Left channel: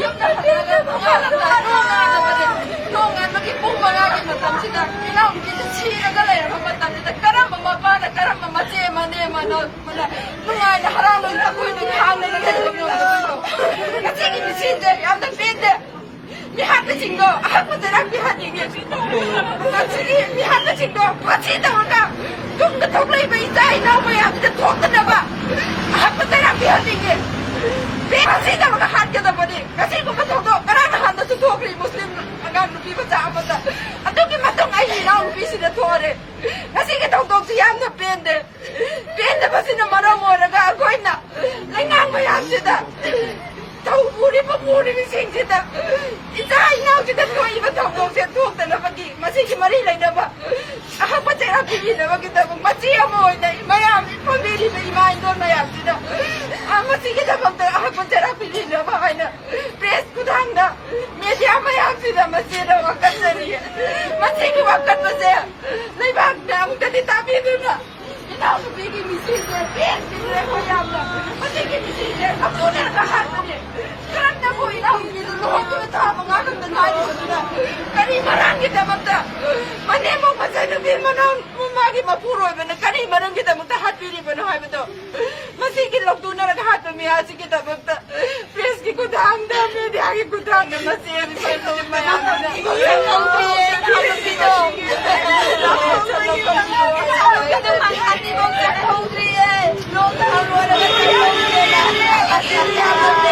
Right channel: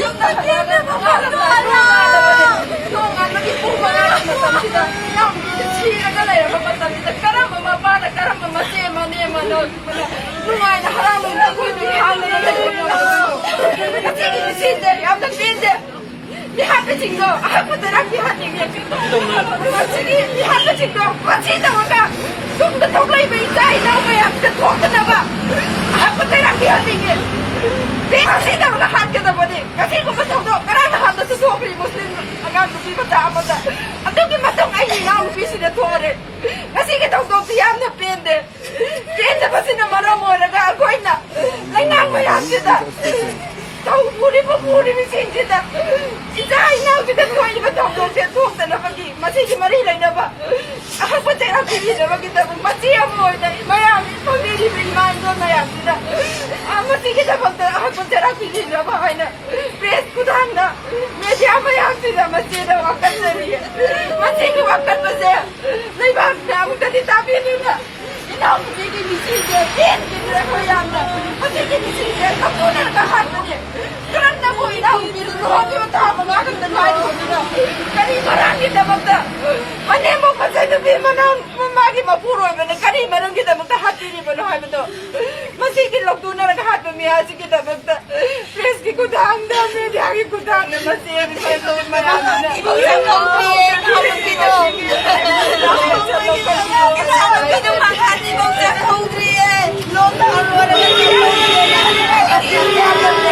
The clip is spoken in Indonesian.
yumna hangada pangalamda nongan magipong mga matamsida inaw gitsira galaya matamsida karama mapana karama masema nema no nungay na haramon na kundi hangga na sige sinde amda sinde Mihaka cinggo, aku terang mihati dia cinggo. Masih mihaka cinggo, masih tahu tak? Tung ketok lagi berita, nau bayar ketok kenapa? Aku terang mihati dia. Dia masih tahu nak hat kita bodi. Kasih aku masuk tu, kerana hat tu sokri Muslim agak lebih baca apa tak? Aku kita masuk ayi nau lebih sih tu orang. Kasih kita tu siam tu pende, pende pasti nama ramai agak aku ina. Lengang bayar kita. Tahu puri mesin kita. Kita ina kita tu ibu tahu dia tu tak nak pergi. Masih kemari lain apa? Apa tak pergi dah kita masih amu dah. Maya family bermain tu maya kita. Masih kita betul apa tak pergi dah apa ina. Press kudang dah. Media maya kita masih dah makan sendiri. Masih tu makan masih. Lepas dah kita tak pergi dah. Kita masih di sini je. Kita macam dah. Masih di sini je. Kemudian kahar ni. Kerana mo ina umir roh kita tahu mengalir dengan itu. Kani marang kita magda. Mane mo pasal nabi manang mamagi mapuro ben kani marang kita magda hati ni ben hai beto. Masih kita log tuna nag hat में asi kita magda. Please ki ko dang da me dia ki ko dang na masih bi sai to maya na. Kita